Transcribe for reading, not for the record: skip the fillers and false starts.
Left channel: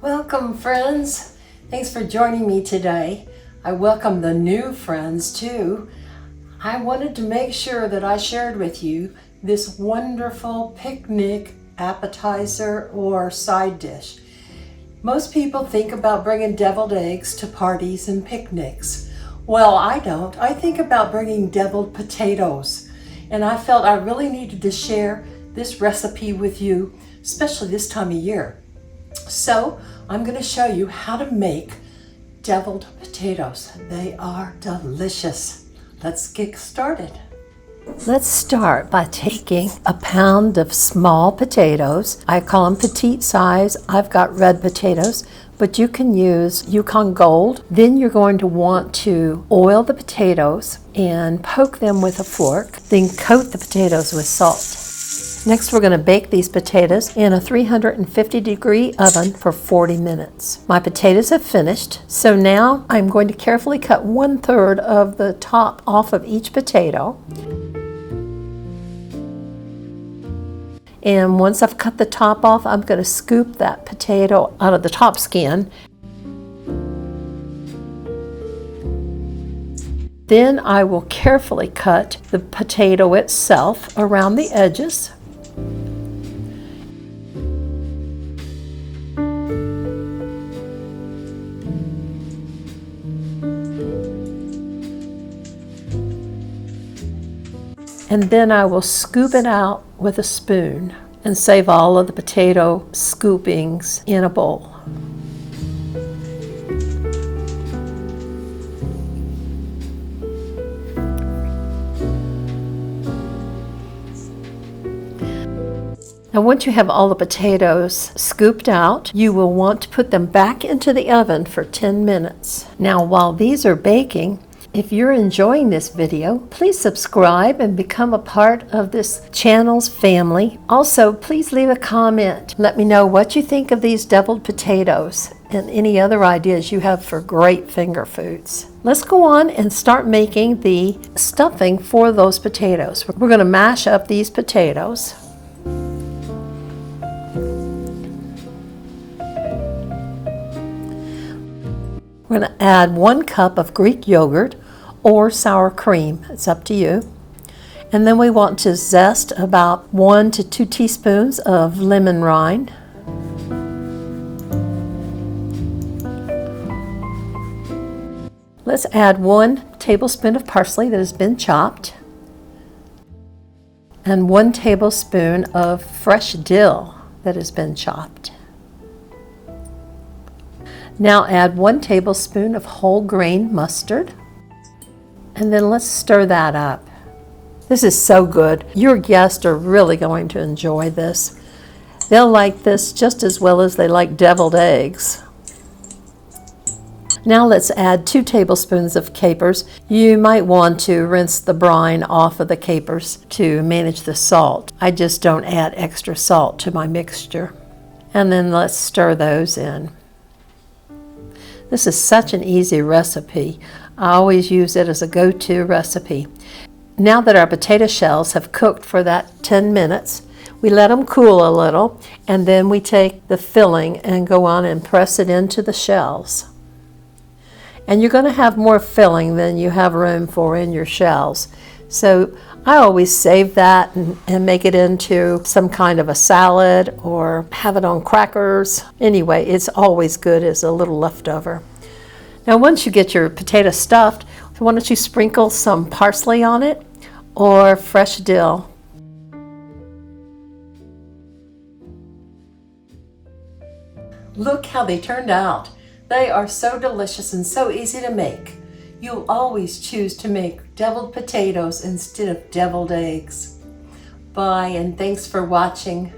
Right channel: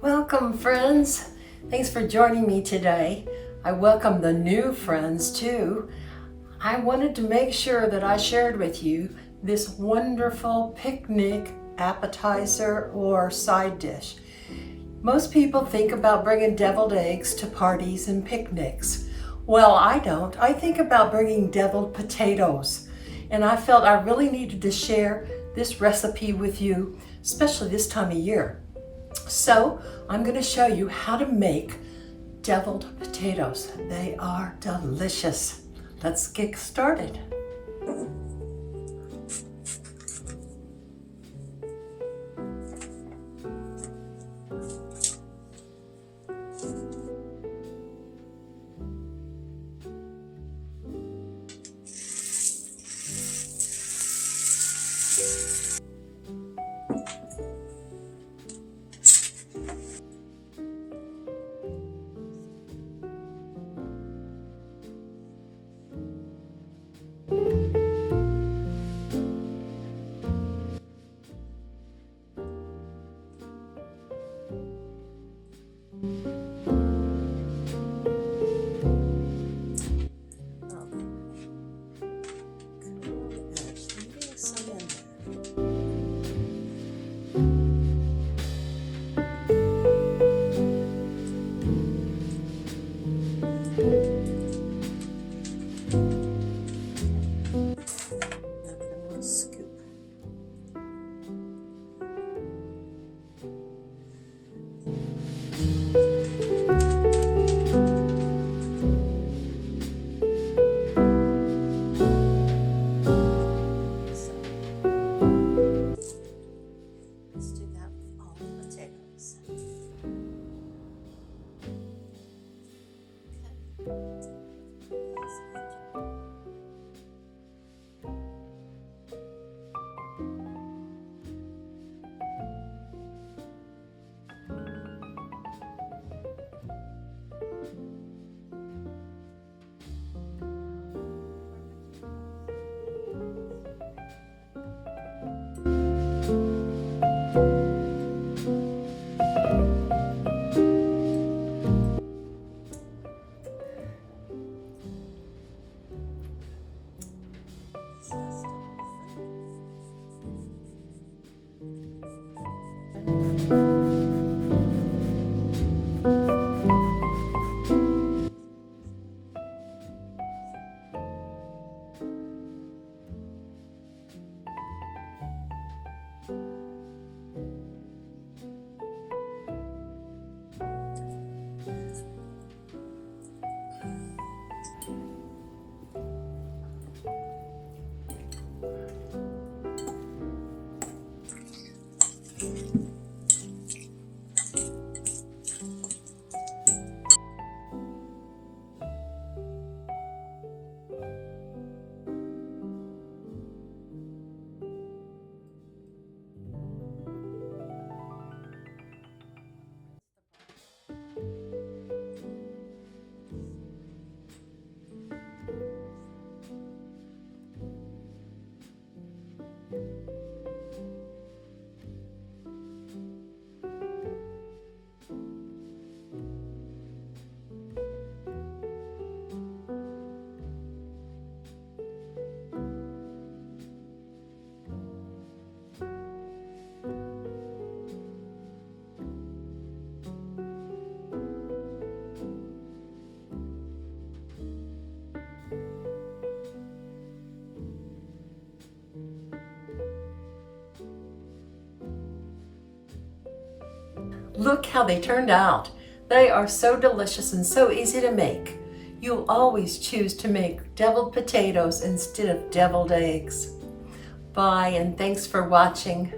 Welcome, friends. Thanks for joining me today. I welcome the new friends too. I wanted to make sure that I shared with you this wonderful picnic appetizer or side dish. Most people think about bringing deviled eggs to parties and picnics. Well, I don't. I think about bringing deviled potatoes. And I felt I really needed to share this recipe with you, especially this time of year. So I'm going to show you how to make deviled potatoes. They are delicious. Let's get started. Let's start by taking a pound of small potatoes. I call them petite size. I've got red potatoes, but you can use Yukon Gold. Then you're going to want to oil the potatoes and poke them with a fork. Then coat the potatoes with salt. Next, we're going to bake these potatoes in a 350-degree oven for 40 minutes. My potatoes have finished, so now I'm going to carefully cut 1/3 of the top off of each potato. And once I've cut the top off, I'm going to scoop that potato out of the top skin. Then I will carefully cut the potato itself around the edges. And then I will scoop it out with a spoon and save all of the potato scoopings in a bowl. Now, once you have all the potatoes scooped out, you will want to put them back into the oven for 10 minutes. Now, while these are baking, if you're enjoying this video, please subscribe and become a part of this channel's family. Also, please leave a comment. Let me know what you think of these deviled potatoes and any other ideas you have for great finger foods. Let's go on and start making the stuffing for those potatoes. We're going to mash up these potatoes. We're going to add 1 cup of Greek yogurt or sour cream. It's up to you. And then we want to zest about 1 to 2 teaspoons of lemon rind. Let's add 1 tablespoon of parsley that has been chopped and 1 tablespoon of fresh dill that has been chopped. Now add 1 tablespoon of whole grain mustard, and then let's stir that up. This is so good. Your guests are really going to enjoy this. They'll like this just as well as they like deviled eggs. Now let's add 2 tablespoons of capers. You might want to rinse the brine off of the capers to manage the salt. I just don't add extra salt to my mixture. And then let's stir those in. This is such an easy recipe. I always use it as a go-to recipe. Now that our potato shells have cooked for that 10 minutes, we let them cool a little, and then we take the filling and go on and press it into the shells. And you're going to have more filling than you have room for in your shells. So I always save that and make it into some kind of a salad or have it on crackers. Anyway, it's always good as a little leftover. Now once you get your potato stuffed, why don't you sprinkle some parsley on it or fresh dill. Look how they turned out. They are so delicious and so easy to make. You'll always choose to make deviled potatoes instead of deviled eggs. Bye, and thanks for watching.